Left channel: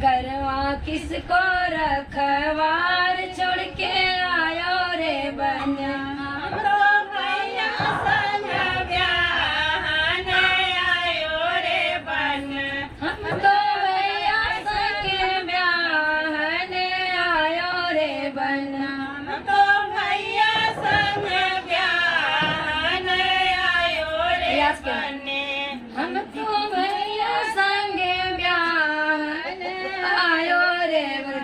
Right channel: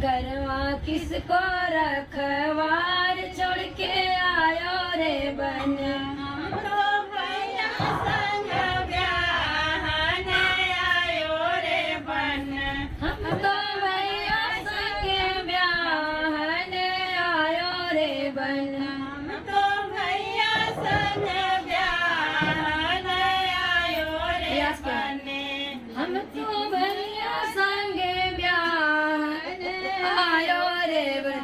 घरवा किसको रखवार छोड़ के आयो रे बन। हम तो भैया संग ब्याहन आयो रे बन। हम तो भैया संग ब्याहन आयो रे बन। हम तो भैया संग ब्याहन आयो रे बन।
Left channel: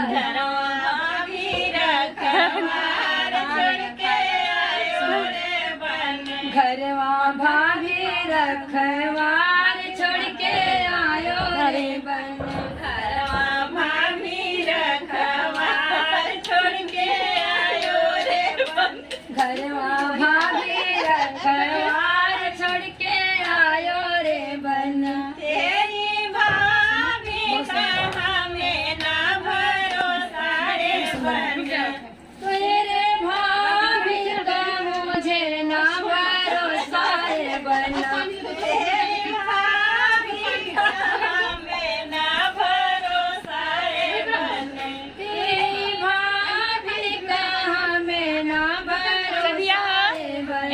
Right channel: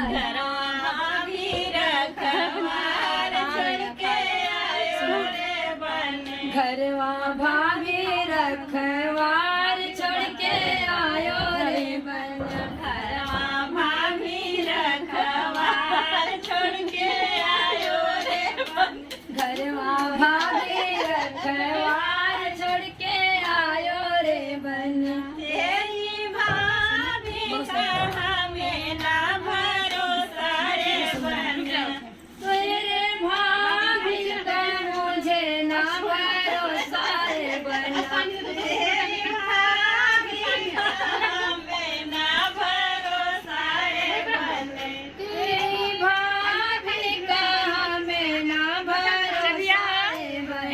घरवा भी रखवार छोड़ के आयो रे बन। घरवा भाभी रखवार छोड़ के आयो रे बन। घरवा भाभी रखवार छोड़ के आयो रे बन। घरवा भाभी रखवार छोड़ के आयो रे बन। तेरी भाभी का हमें ना भरोसा रे बन। तेरे भाभी का मुझे ना भरोसा रे बन। तेरी भाभी का हमें ना भरोसा रे बन। तेरी भाभी का हमें ना भरोसा रे बन।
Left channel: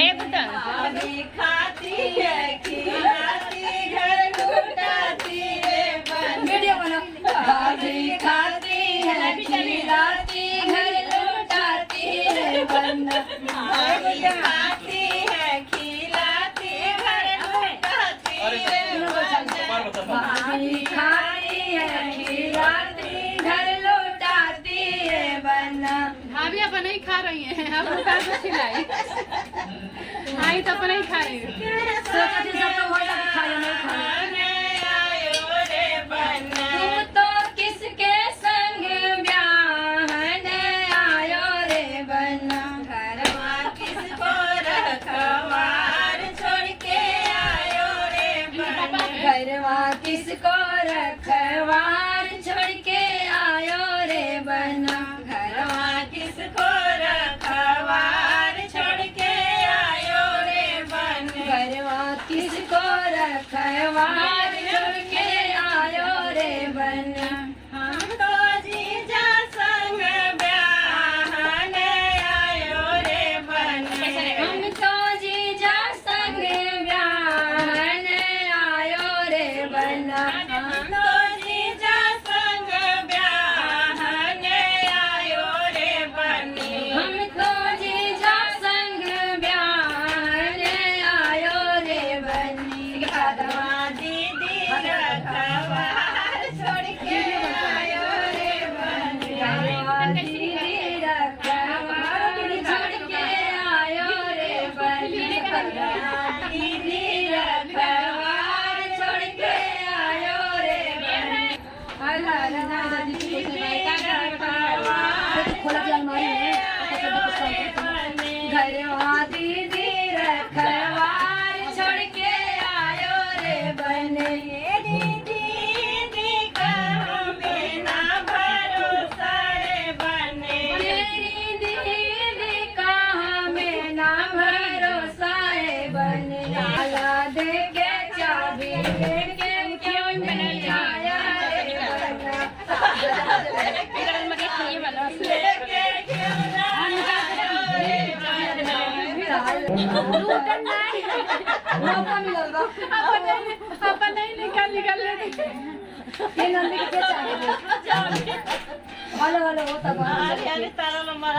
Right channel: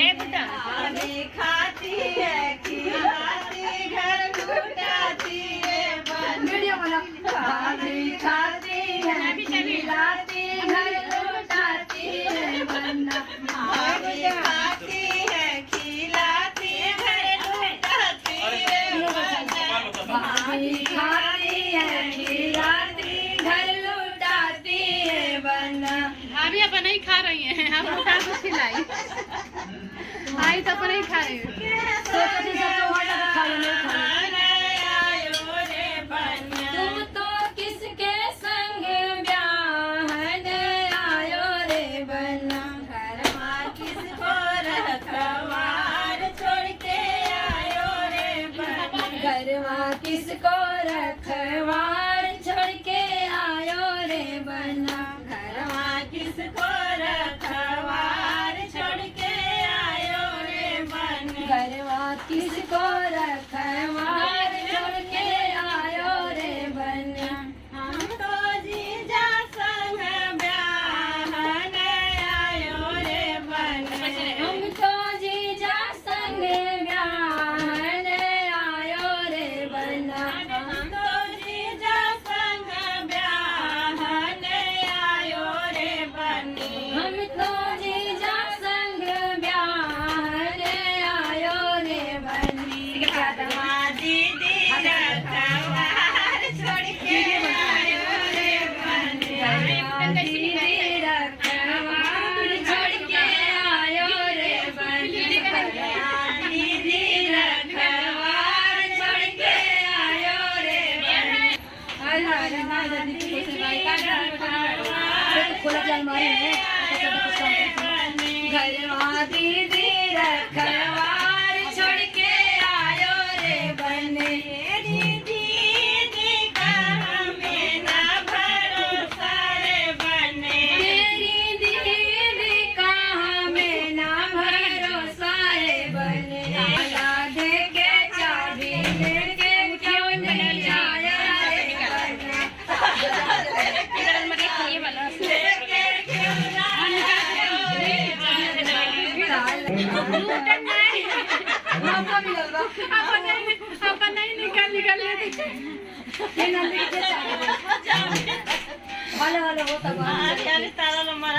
भाभी खाती है खिलाती घर लुटाती रे बन। वीडियो बना। भाभी खाती है खिलाती घर लौटाती रे बन। भाभी खाती है खिलाती घर लुटाती रे बन। भाभी खाती है खिलाती घर लौटाती रे बन। अभी अपन नहीं खा रही हैं, हम लोग को खिलाई। आई तो अपन नहीं खा रही हैं। सोचती सब तो हो जाता खाया नहीं खाया। आयो रे बन। तू तो किसके संग ब्याहन आयो रे बन। घरवा किसको रखवार छोड़ के आयो रे बन। घरवा किसको रखवार छोड़ के आयो रे बन। घरवा किसको रखवार छोड़ के आयो रे बन। घरवा किसको रखवार छोड़ के आयो रे बन। हम तो जीजा संग ब्याहन आयो रे बन। हम तो जीजा संग ब्याहन आयो रे बन। हम तो जीजा संग ब्याहन आयो रे बन। हम तो जीजा संग ब्याहन आयो रे बन। घरवा दीदी रखवार छोड़ के आयो रे बन। घरवा दीदी रखवार छोड़ के आयो रे बन। दीदी रखवार छोड़ के आयो रे बन। खोला जाए हमारे घरवा दीदी रखवार छोड़ के आयो रे बन। दीदी का हमें ना भरोसा रे बन। तेरी दीदी का हमें ना भरोसा रे बन। ताला दे के चाबी दे के क्यों नहीं आया रे बन। मौका मिलल बा। अपन नहीं निकाल लेते। ये नंदी के चाबी दे। हेलो हेलो होता बा। अरे तारा नंबर